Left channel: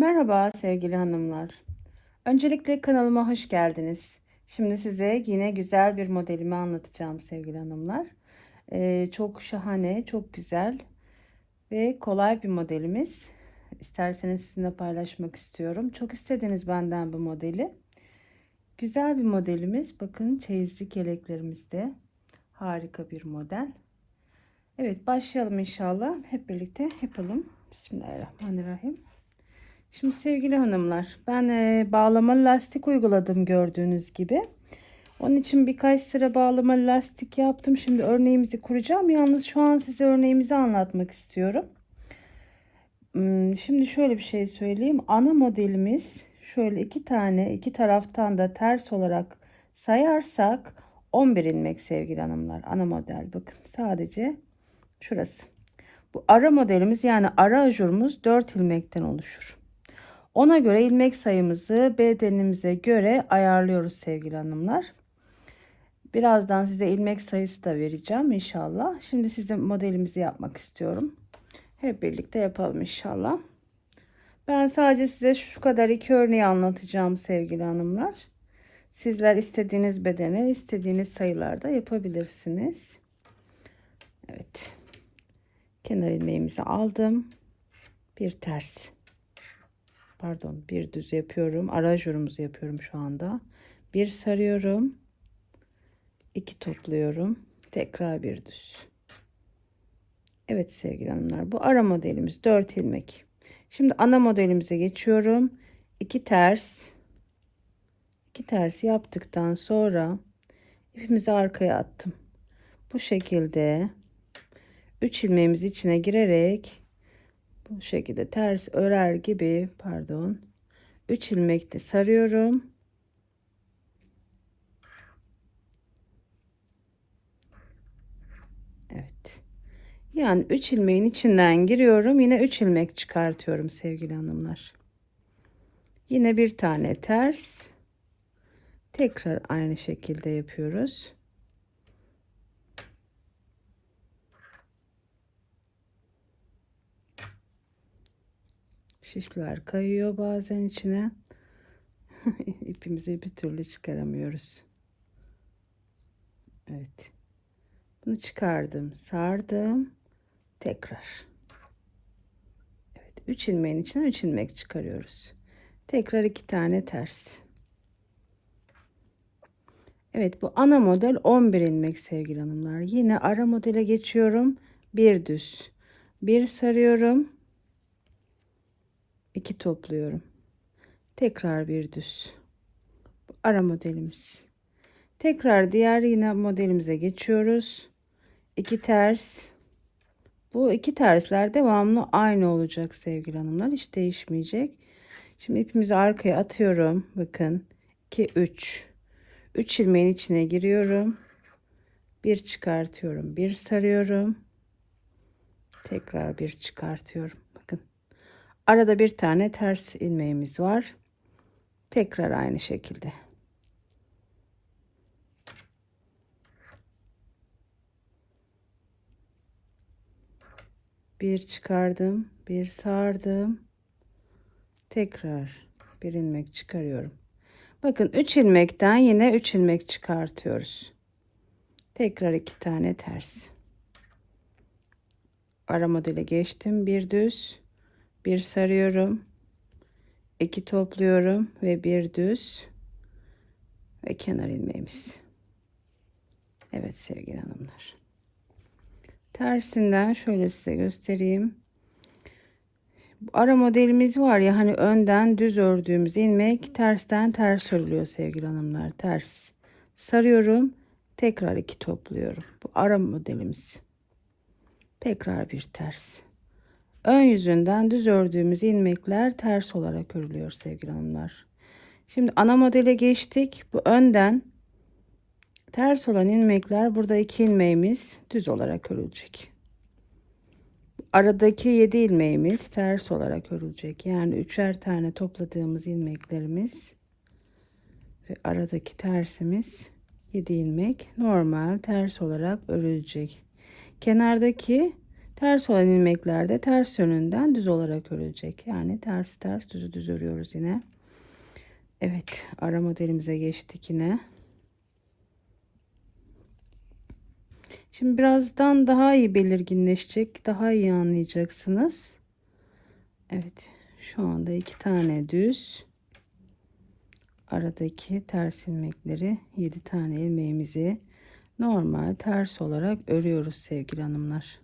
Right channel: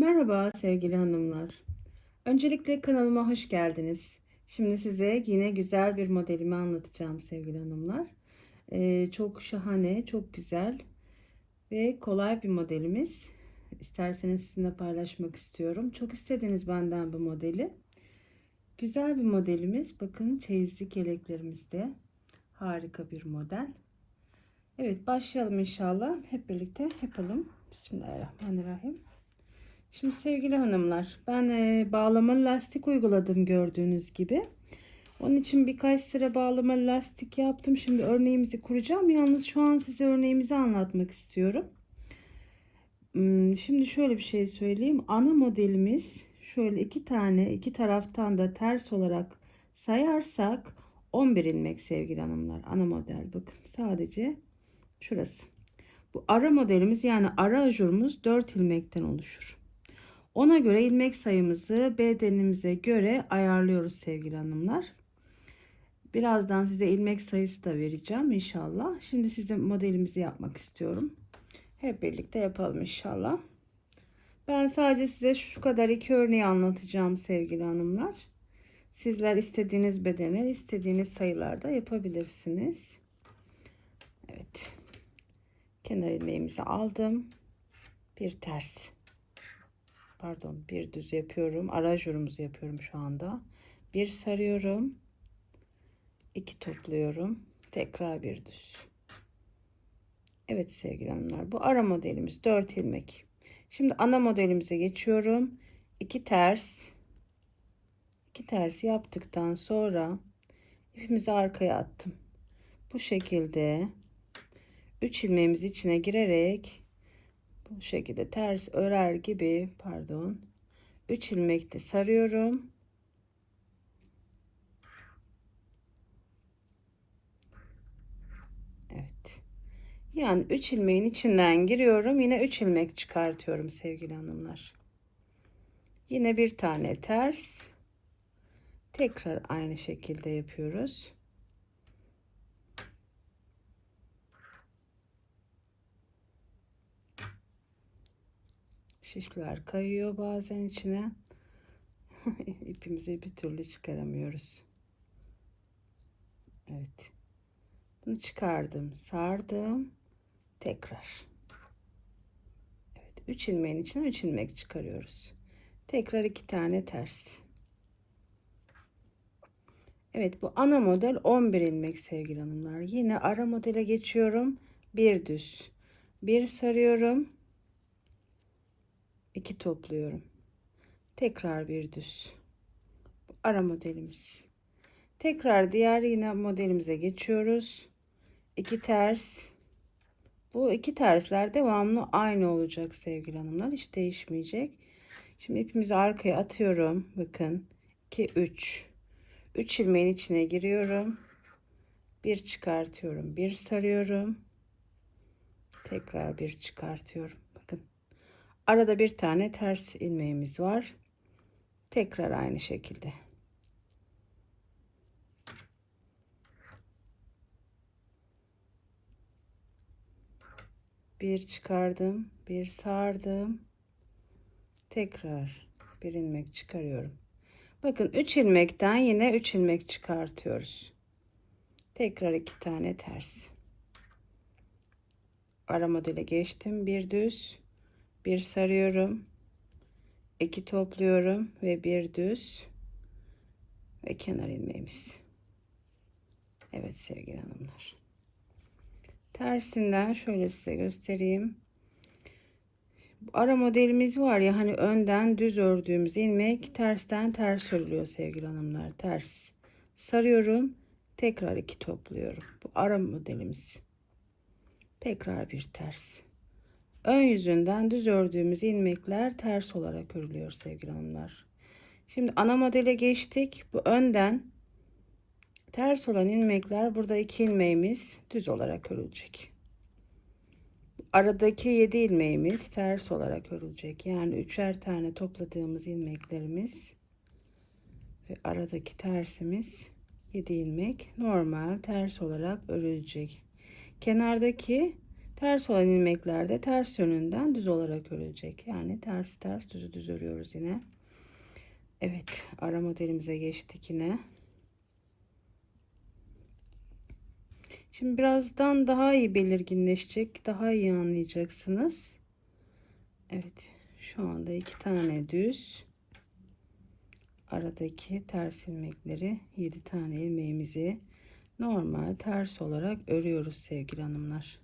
Merhaba sevgili hanımlar. Öncelikle kanalıma hoş geldiniz. Şimdi size yine güzel bir modelimi anlatacağım sevgili hanımlar. Ee, çok şahane, çok güzel ve kolay bir modelimiz. İsterseniz sizinle paylaşmak istiyorum. Çok istediniz benden bu modeli. Güzel bir modelimiz. Bakın çeyizlik yeleklerimizde. Harika bir model. Evet başlayalım inşallah. Hep birlikte yapalım. Bismillahirrahmanirrahim. Şimdi sevgili hanımlar ben e, bağlama lastik uyguladım gördüğünüz gibi. Onun için birkaç sıra bağlama lastik yaptım. Şimdi örneğimizi kuracağım. Yalnız şu an size örneğimizi anlatmak istiyorum. Hmm, Şimdi şöyle bir şey söyleyeyim. Ana modelimiz şöyle iki tane iki taraftan da ters olarak sayarsak 11 ilmek sevgili hanımlar. Ana model bakın sadece şurası. Bu ara modelimiz yani ara ajurumuz 4 ilmekten oluşur. Ona göre ilmek sayımızı bedenimize göre ayarlıyoruz sevgili hanımlar. Birazdan size ilmek sayısı da vereceğim inşallah. Şimdi size modelimizi yapmak istiyorum. Hep birlikte yapalım inşallah. Ben sadece size şu kadar iki örneği anlatacağım sevgili hanımlar. Sizler istediğiniz bedene istediğiniz sayılarda yapabilirsiniz. Evet. Kenar ilmeğimizi aldım. Bir ters pardon bir düz yapıyorum. Ara ajurumuzu yapıyorum şu anda. Bir sarıyorum. iki topluyorum. Tekrar bir düz. Evet sevgili hanımlar bu ara modelimiz 4 ilmek. Şimdi ana modelimize geçiyorum. 2 ters. 2 ters yaptıktan sonra ipimizi arkaya attım. Bu şekilde 3 ilmeğimiz içine girerek bu şekilde ters örer gibi pardon 3 ilmekte sarıyorum. Evet. Yani 3 ilmeğin içinden giriyorum yine 3 ilmek çıkartıyorum sevgili hanımlar. Yine bir tane ters. Tekrar aynı şekilde yapıyoruz Şişler kayıyor bazen içine. İpimizi bir türlü çıkaramıyoruz. Evet. Bunu çıkardım, sardım. Tekrar. Evet, 3 ilmeğin içine 3 ilmek çıkarıyoruz. Tekrar iki tane ters. Evet, bu ana model 11 ilmek sevgili hanımlar. Yine ara modele geçiyorum. Bir düz. Bir sarıyorum 2 topluyorum. Tekrar bir düz. Ara modelimiz. Tekrar diğer yine modelimize geçiyoruz. 2 ters. Bu iki tersler devamlı aynı olacak sevgili hanımlar. Hiç değişmeyecek. Şimdi ipimizi arkaya atıyorum. Bakın. 2 3. 3 ilmeğin içine giriyorum. Bir çıkartıyorum. Bir sarıyorum. Tekrar bir çıkartıyorum. Arada bir tane ters ilmeğimiz var. Tekrar aynı şekilde. Bir çıkardım, bir sardım. Tekrar bir ilmek çıkarıyorum. Bakın 3 ilmekten yine 3 ilmek çıkartıyoruz. Tekrar iki tane ters. Ara modele geçtim. Bir düz bir sarıyorum. İki topluyorum ve bir düz. Ve kenar ilmeğimiz. Evet sevgili hanımlar. Tersinden şöyle size göstereyim. Ara modelimiz var ya hani önden düz ördüğümüz ilmek tersten ters örülüyor sevgili hanımlar. Ters sarıyorum tekrar iki topluyorum. Bu ara modelimiz. Tekrar bir ters ön yüzünden düz ördüğümüz ilmekler ters olarak örülüyor sevgili hanımlar. Şimdi ana modele geçtik. Bu önden ters olan ilmekler burada iki ilmeğimiz düz olarak örülecek. Aradaki 7 ilmeğimiz ters olarak örülecek. Yani üçer tane topladığımız ilmeklerimiz ve aradaki tersimiz 7 ilmek normal ters olarak örülecek. Kenardaki Ters olan ilmeklerde ters yönünden düz olarak örülecek. Yani ters ters düz düz örüyoruz yine. Evet ara modelimize geçtik yine. Şimdi birazdan daha iyi belirginleşecek. Daha iyi anlayacaksınız. Evet şu anda iki tane düz. Aradaki ters ilmekleri 7 tane ilmeğimizi normal ters olarak örüyoruz sevgili hanımlar.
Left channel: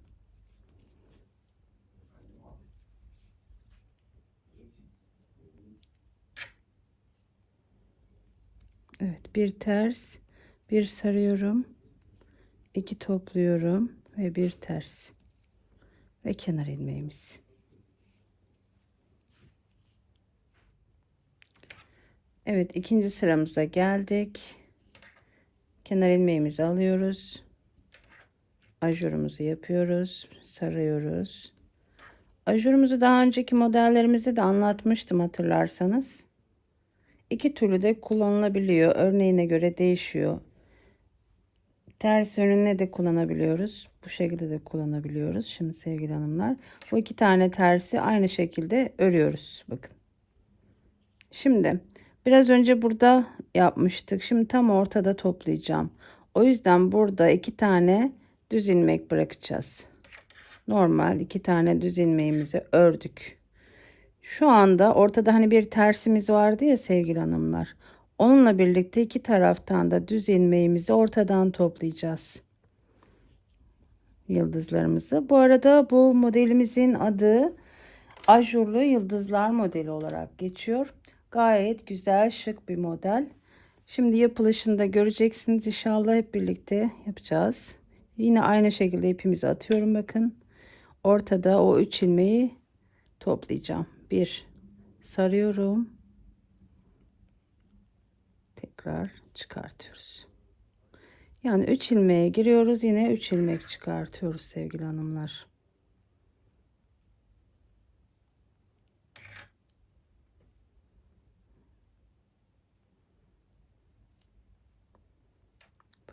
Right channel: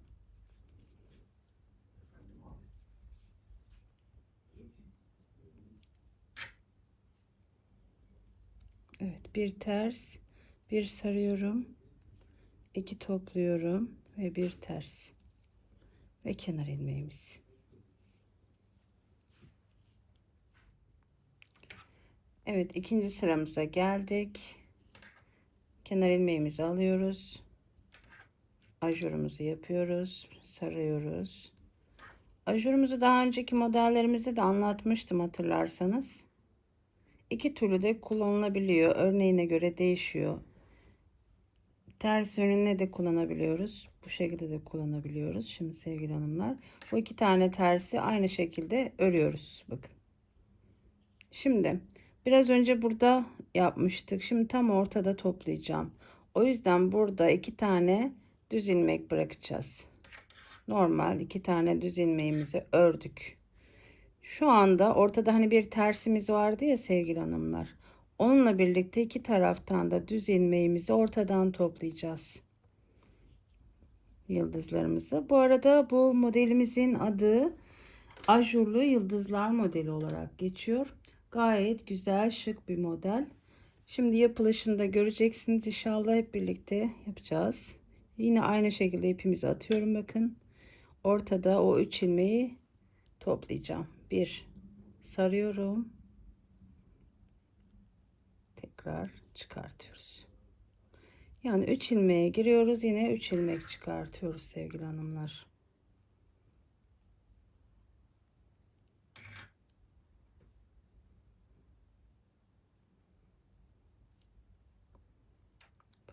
Evet bir ters bir sarıyorum. İki topluyorum ve bir ters. Ve kenar ilmeğimiz. Evet ikinci sıramıza geldik. Kenar ilmeğimizi alıyoruz. Ajurumuzu yapıyoruz sarıyoruz. Ajurumuzu daha önceki modellerimizde de anlatmıştım hatırlarsanız iki türlü de kullanılabiliyor. Örneğine göre değişiyor. Ters yönüne de kullanabiliyoruz. Bu şekilde de kullanabiliyoruz. Şimdi sevgili hanımlar bu iki tane tersi aynı şekilde örüyoruz. Bakın. Şimdi biraz önce burada yapmıştık. Şimdi tam ortada toplayacağım. O yüzden burada iki tane düz ilmek bırakacağız. Normal iki tane düz ilmeğimizi ördük. Şu anda ortada hani bir tersimiz vardı ya sevgili hanımlar. Onunla birlikte iki taraftan da düz ilmeğimizi ortadan toplayacağız. Yıldızlarımızı. Bu arada bu modelimizin adı ajurlu yıldızlar modeli olarak geçiyor. Gayet güzel şık bir model. Şimdi yapılışında göreceksiniz inşallah hep birlikte yapacağız. Yine aynı şekilde ipimizi atıyorum bakın. Ortada o üç ilmeği toplayacağım bir sarıyorum. Tekrar çıkartıyoruz. Yani 3 ilmeğe giriyoruz yine 3 ilmek çıkartıyoruz sevgili hanımlar.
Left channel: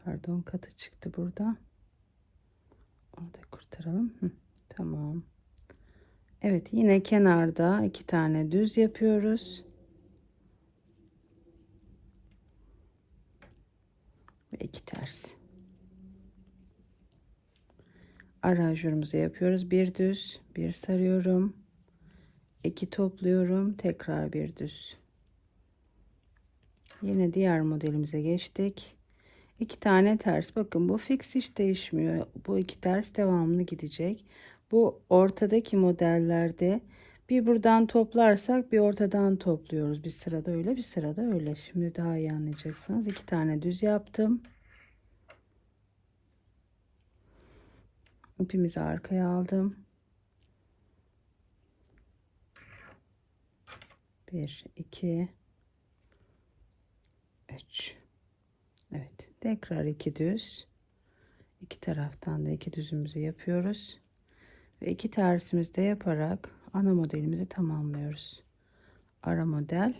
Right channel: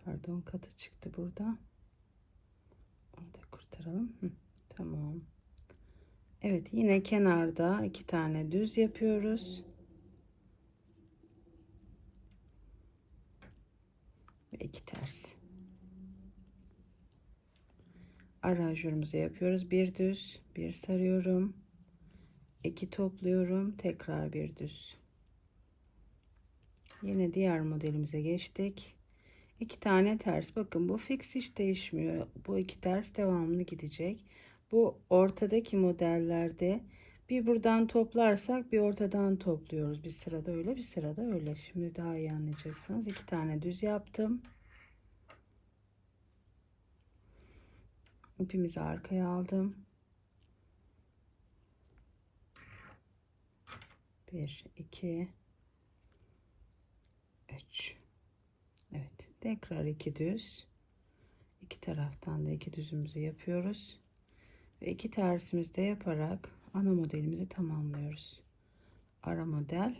Pardon katı çıktı burada. Onu da kurtaralım. Hı, tamam Evet yine kenarda iki tane düz yapıyoruz. Ve iki ters. Aranjörümüzü yapıyoruz. Bir düz, bir sarıyorum. iki topluyorum. Tekrar bir düz. Yine diğer modelimize geçtik. İki tane ters. Bakın bu fix hiç değişmiyor. Bu iki ters devamlı gidecek. Bu ortadaki modellerde bir buradan toplarsak bir ortadan topluyoruz. Bir sırada öyle bir sırada öyle. Şimdi daha iyi anlayacaksınız. İki tane düz yaptım. İpimizi arkaya aldım. Bir, iki, üç. Evet. Tekrar iki düz. İki taraftan da iki düzümüzü yapıyoruz ve iki tersimizde yaparak ana modelimizi tamamlıyoruz. Ara model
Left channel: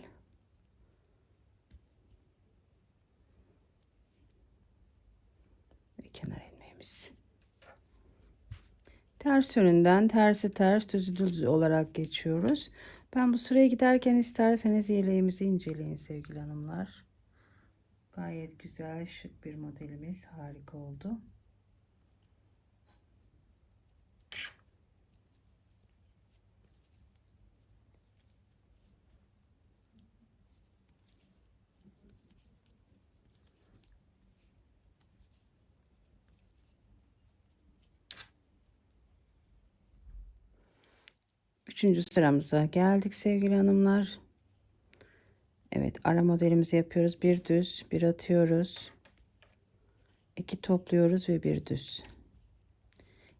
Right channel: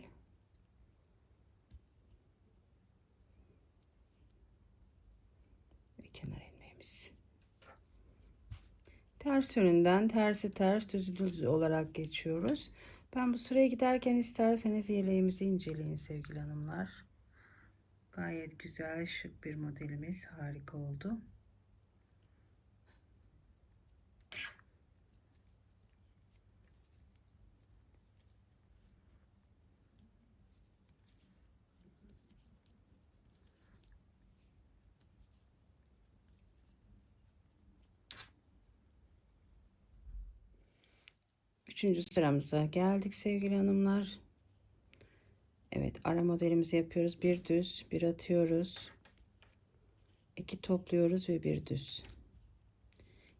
ve kenar ilmeğimiz. Ters yönünden tersi ters düz düz olarak geçiyoruz. Ben bu sıraya giderken isterseniz yeleğimizi inceleyin sevgili hanımlar. Gayet güzel şık bir modelimiz harika oldu. Üçüncü sıramıza geldik sevgili hanımlar. Evet ara modelimizi yapıyoruz. Bir düz bir atıyoruz. iki topluyoruz ve bir düz.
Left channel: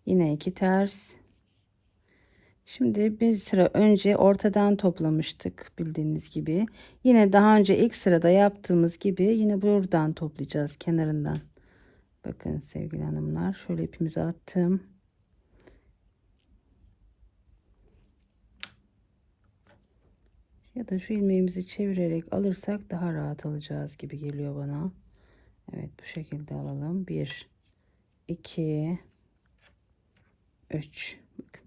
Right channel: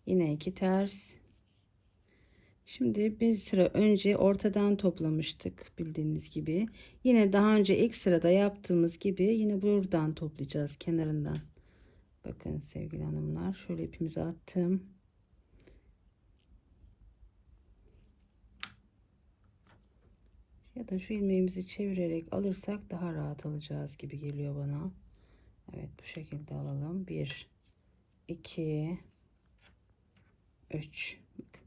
Yine iki ters. Şimdi bir sıra önce ortadan toplamıştık bildiğiniz gibi. Yine daha önce ilk sırada yaptığımız gibi yine buradan toplayacağız kenarından. Bakın sevgili hanımlar şöyle ipimizi attım. Ya da şu ilmeğimizi çevirerek alırsak daha rahat alacağız gibi geliyor bana. Evet bu şekilde alalım. 1 2 3 bakın.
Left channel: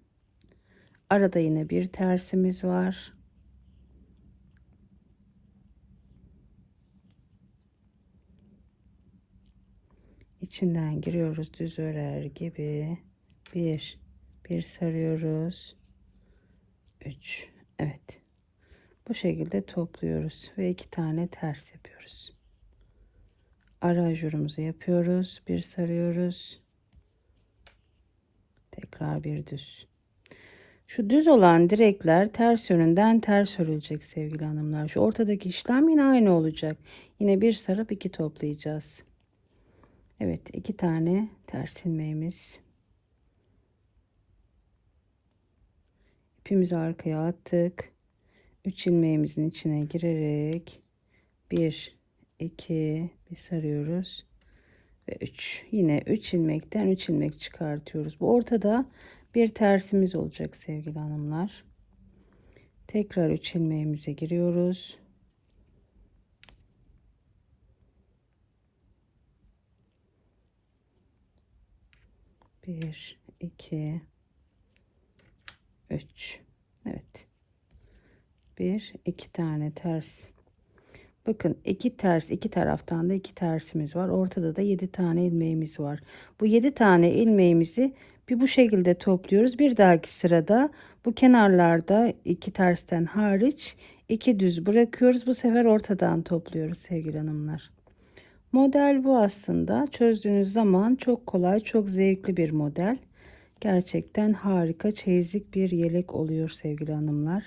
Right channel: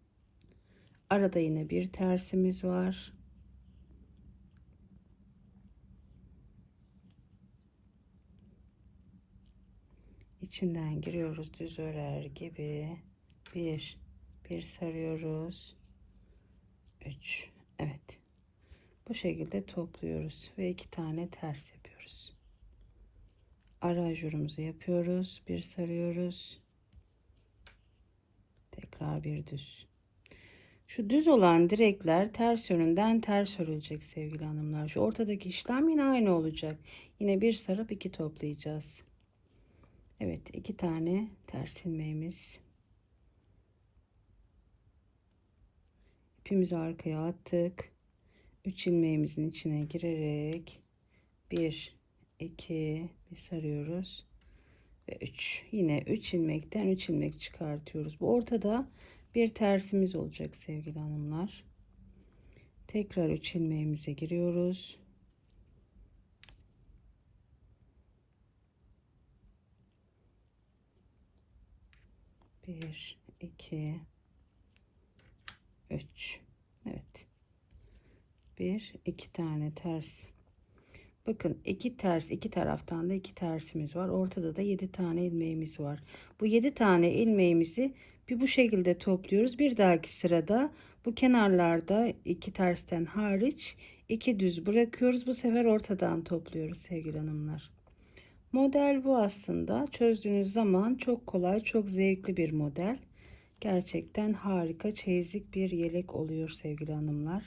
Arada yine bir tersimiz var. içinden giriyoruz düz örer gibi. Bir, bir sarıyoruz. Üç, evet. Bu şekilde topluyoruz ve iki tane ters yapıyoruz. Ara ajurumuzu yapıyoruz. Bir sarıyoruz. Tekrar bir düz. Şu düz olan direkler ters yönünden ters örülecek sevgili hanımlar. Şu ortadaki işlem yine aynı olacak. Yine bir sarıp iki toplayacağız. Evet iki tane ters ilmeğimiz. İpimizi arkaya attık. 3 ilmeğimizin içine girerek 1 2 bir sarıyoruz ve 3 yine 3 ilmekten 3 ilmek çıkartıyoruz. Bu ortada bir tersimiz olacak sevgili hanımlar. Tekrar 3 ilmeğimize giriyoruz. Bir, iki, üç. Bir, iki tane ters. Bakın iki ters, iki taraftan da iki tersimiz var. Ortada da yedi tane ilmeğimiz var. Bu yedi tane ilmeğimizi bir bu şekilde topluyoruz. Bir dahaki sırada bu kenarlarda iki tersten hariç iki düz bırakıyoruz. Bu sefer ortadan topluyoruz sevgili hanımlar. Model bu aslında. Çözdüğünüz zaman çok kolay, çok zevkli bir model. Gerçekten harika çeyizlik bir yelek oluyor sevgili hanımlar.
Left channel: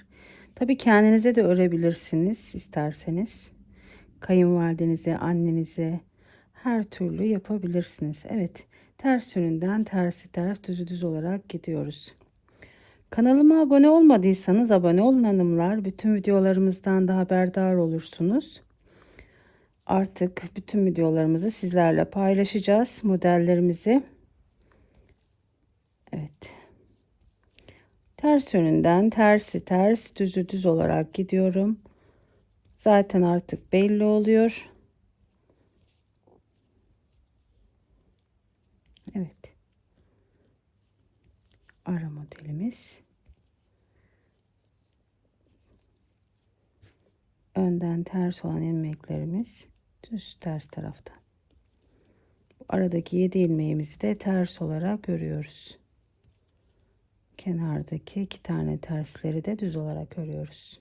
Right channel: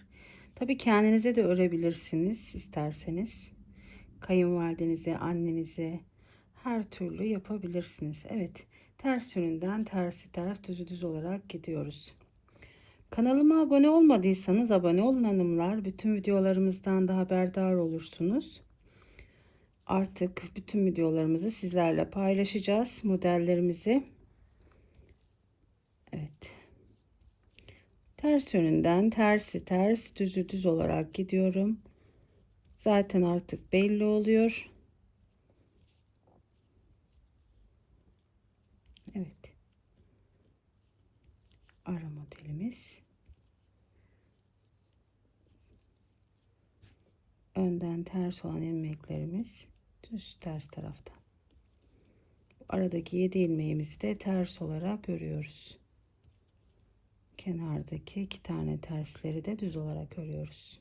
Tabi kendinize de örebilirsiniz isterseniz. Kayınvalidenize, annenize her türlü yapabilirsiniz. Evet ters yönünden tersi ters düzü düz olarak gidiyoruz. Kanalıma abone olmadıysanız abone olun hanımlar. Bütün videolarımızdan da haberdar olursunuz artık bütün videolarımızı sizlerle paylaşacağız. Modellerimizi. Evet. Ters yönünden tersi ters düzü düz olarak gidiyorum. Zaten artık belli oluyor. Evet. Ara modelimiz. Önden ters olan ilmeklerimiz düz ters tarafta. Aradaki 7 ilmeğimizi de ters olarak örüyoruz. Kenardaki iki tane tersleri de düz olarak örüyoruz.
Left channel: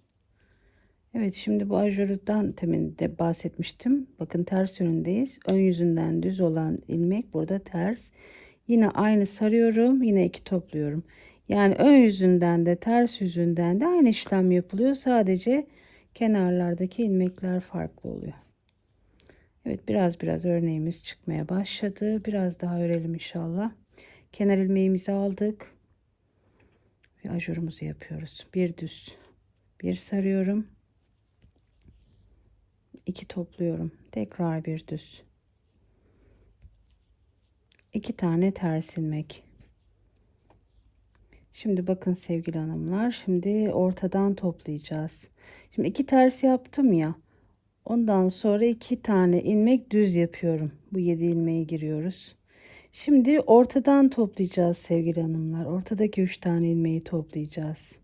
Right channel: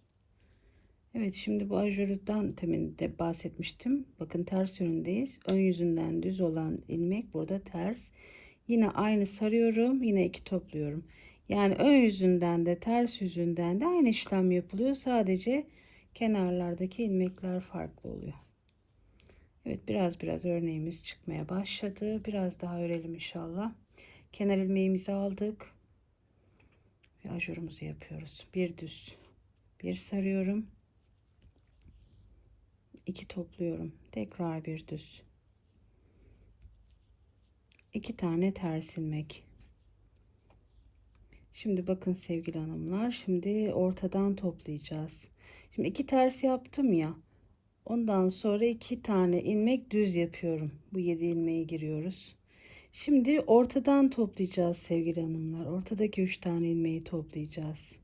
Evet şimdi bu ajurdan temin de bahsetmiştim. Bakın ters yönündeyiz. Ön yüzünden düz olan ilmek burada ters. Yine aynı sarıyorum. Yine iki topluyorum. Yani ön yüzünden de ters yüzünden de aynı işlem yapılıyor. Sadece kenarlardaki ilmekler farklı oluyor. Evet biraz biraz örneğimiz çıkmaya başladı. Biraz daha örelim inşallah. Kenar ilmeğimizi aldık. Ve ajurumuzu yapıyoruz. Bir düz. Bir sarıyorum. iki topluyorum. Tekrar bir düz. iki tane ters ilmek. Şimdi bakın sevgili hanımlar. Şimdi ortadan toplayacağız. Şimdi iki ters yaptım ya. Ondan sonra iki tane ilmek düz yapıyorum. Bu yedi ilmeği giriyoruz. Şimdi ortadan toplayacağız sevgili hanımlar. Ortadaki üç tane ilmeği toplayacağız.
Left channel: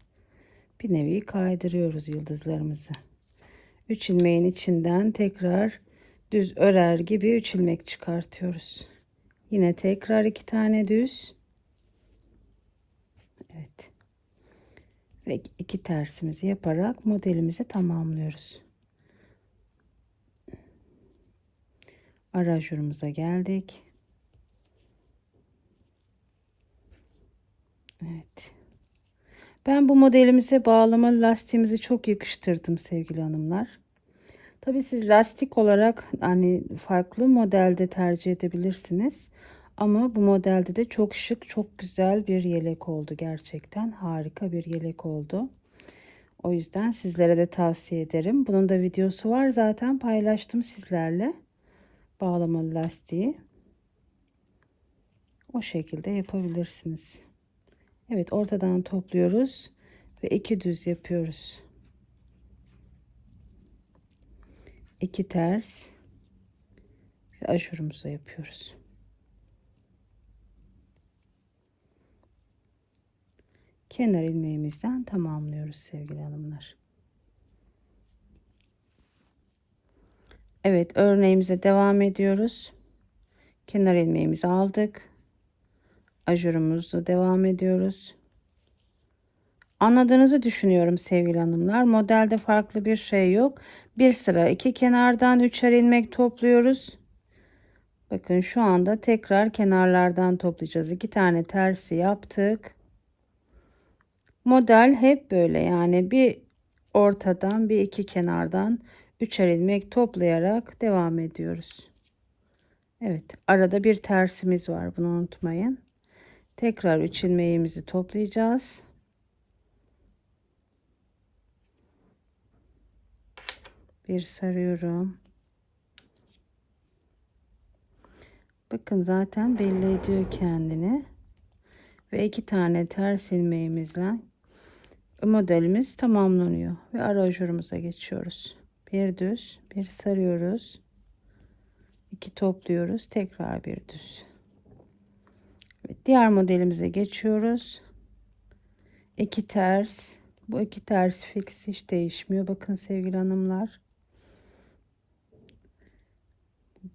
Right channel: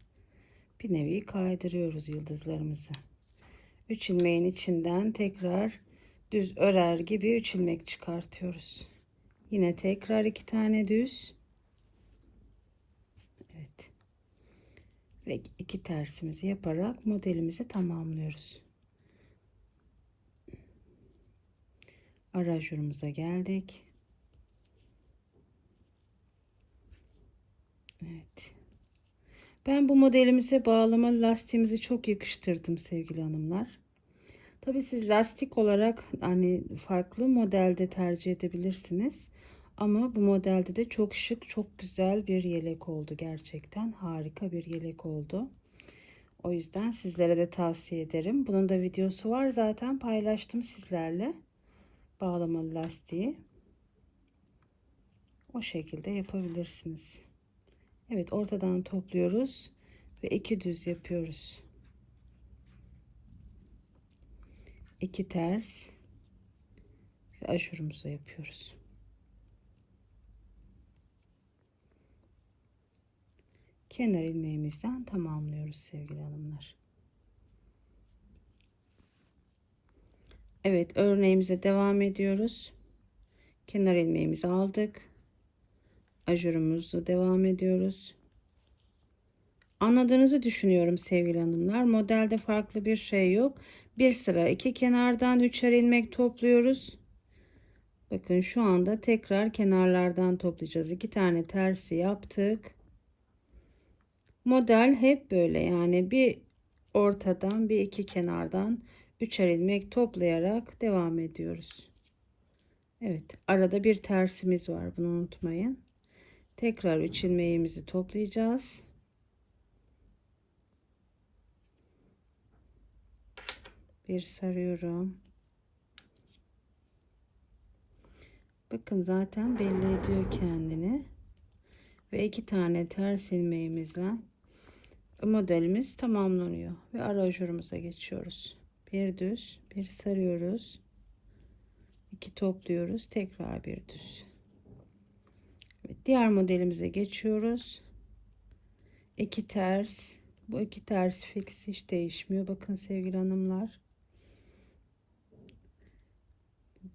Bir nevi kaydırıyoruz yıldızlarımızı. Üç ilmeğin içinden tekrar düz örer gibi üç ilmek çıkartıyoruz. Yine tekrar iki tane düz. Evet. Ve iki tersimizi yaparak modelimizi tamamlıyoruz. arajurumuza geldik. Evet. Ben bu modelimize bağlama lastiğimizi çok yakıştırdım sevgili hanımlar. Tabi siz lastik olarak hani farklı modelde tercih edebilirsiniz. Ama bu modelde de çok şık, çok güzel bir yelek oldu gerçekten. Harika bir yelek oldu. O yüzden sizlere de tavsiye ederim. Bunun da videosu var zaten paylaştım sizlerle bağlamalı lastiği o şekilde yapabilirsiniz. Evet ortadan topluyoruz ve iki düz yapıyoruz. İki ters ve aşurumuza yapıyoruz. kenar ilmeğimizden tamamlıyoruz sevgili hanımlar. Evet örneğimize devam ediyoruz. Kenar ilmeğimizi aldık. Ajurumuzu devam ediyoruz. Anladığınızı düşünüyorum sevgili hanımlar. Modelde farklı bir şey yok. Bir sıra iki kenardan üçer ilmek topluyoruz. Bakın şu anda tekrar kenarlardan toplayacağız. İki tane tersi yaptık. Model hep böyle yani bir ortadan bir iki kenardan üçer ilmek toplayarak devam ediyoruz. Evet arada bir tersimiz var bunu unutmayın. Tekrar üç ilmeğimizi toplayacağız. Bir sarıyorum. Bakın zaten belli ediyor kendini. Ve iki tane ters ilmeğimizle modelimiz tamamlanıyor. Ve ara ajurumuza geçiyoruz. Bir düz, bir sarıyoruz. iki topluyoruz. Tekrar bir düz. Diğer modelimize geçiyoruz. İki ters. Bu iki ters fix hiç değişmiyor. Bakın sevgili hanımlar.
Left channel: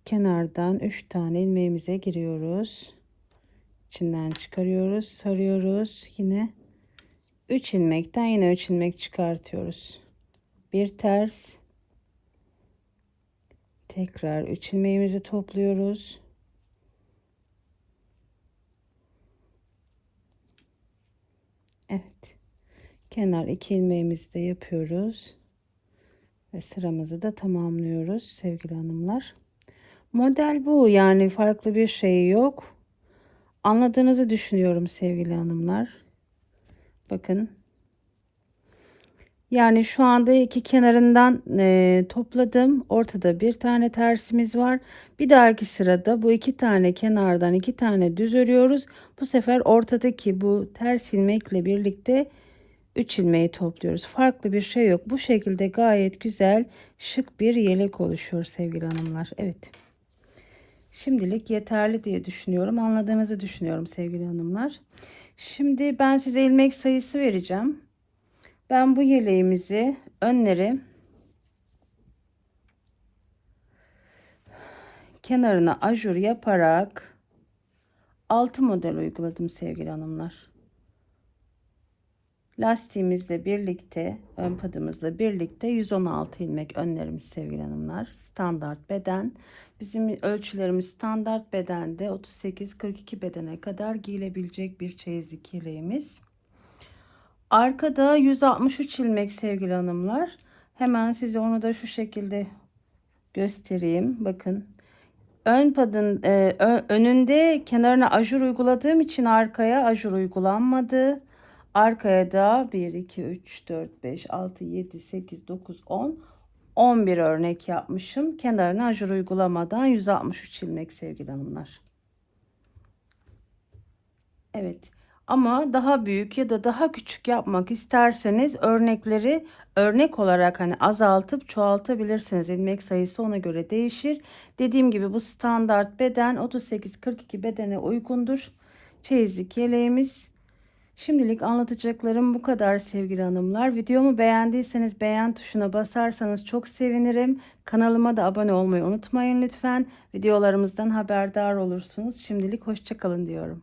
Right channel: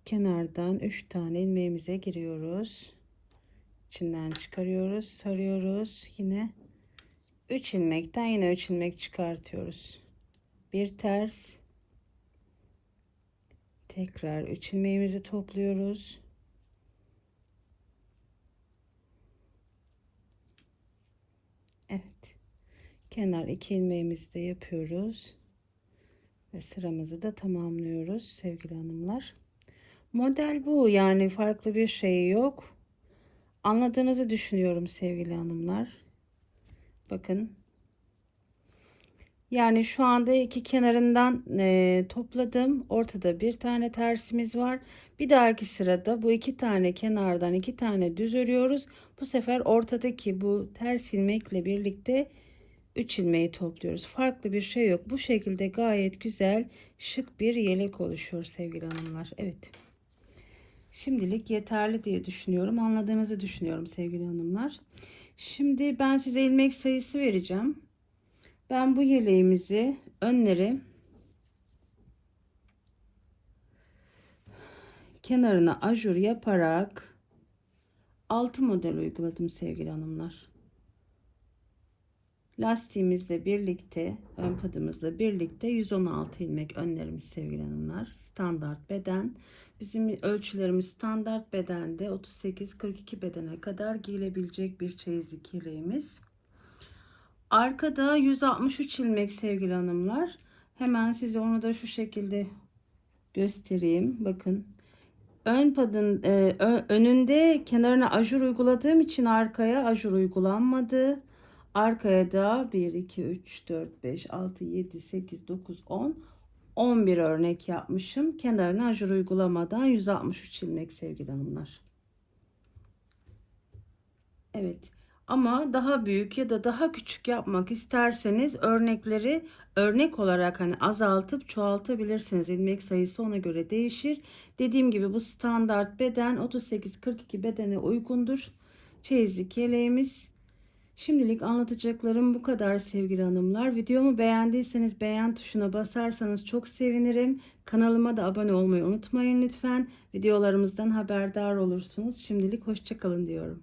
kenardan 3 tane ilmeğimize giriyoruz. İçinden çıkarıyoruz, sarıyoruz. Yine 3 ilmekten yine 3 ilmek çıkartıyoruz. Bir ters. Tekrar 3 ilmeğimizi topluyoruz. Evet. Kenar 2 ilmeğimizi de yapıyoruz. Ve sıramızı da tamamlıyoruz sevgili hanımlar. Model bu yani farklı bir şey yok. Anladığınızı düşünüyorum sevgili hanımlar. Bakın. Yani şu anda iki kenarından e, topladım. Ortada bir tane tersimiz var. Bir dahaki sırada bu iki tane kenardan iki tane düz örüyoruz. Bu sefer ortadaki bu ters ilmekle birlikte 3 ilmeği topluyoruz. Farklı bir şey yok. Bu şekilde gayet güzel şık bir yelek oluşuyor sevgili hanımlar. Evet. Şimdilik yeterli diye düşünüyorum. Anladığınızı düşünüyorum sevgili hanımlar. Şimdi ben size ilmek sayısı vereceğim. Ben bu yeleğimizi önleri kenarına ajur yaparak 6 model uyguladım sevgili hanımlar. Lastiğimizle birlikte, ön padımızla birlikte 116 ilmek önlerimiz sevgili hanımlar. Standart beden. Bizim ölçülerimiz standart bedende 38-42 bedene kadar giyilebilecek bir çeyizlik yeleğimiz. Arkada 163 ilmek sevgili hanımlar. Hemen size onu da şu şekilde göstereyim. Bakın ön padın e, önünde kenarına ajur uyguladığım için arkaya ajur uygulanmadı. Arkaya da 1, 2, 3, 4, 5, 6, 7, 8, 9, 10, 11 örnek yapmışım. Kenarına ajur uygulamadan 163 ilmek sevgili hanımlar. Evet. Ama daha büyük ya da daha küçük yapmak isterseniz örnekleri örnek olarak hani azaltıp çoğaltabilirsiniz. İlmek sayısı ona göre değişir. Dediğim gibi bu standart beden 38-42 bedene uygundur. Çeyizlik yeleğimiz Şimdilik anlatacaklarım bu kadar sevgili hanımlar. Videomu beğendiyseniz beğen tuşuna basarsanız çok sevinirim. Kanalıma da abone olmayı unutmayın lütfen. Videolarımızdan haberdar olursunuz. Şimdilik hoşçakalın diyorum.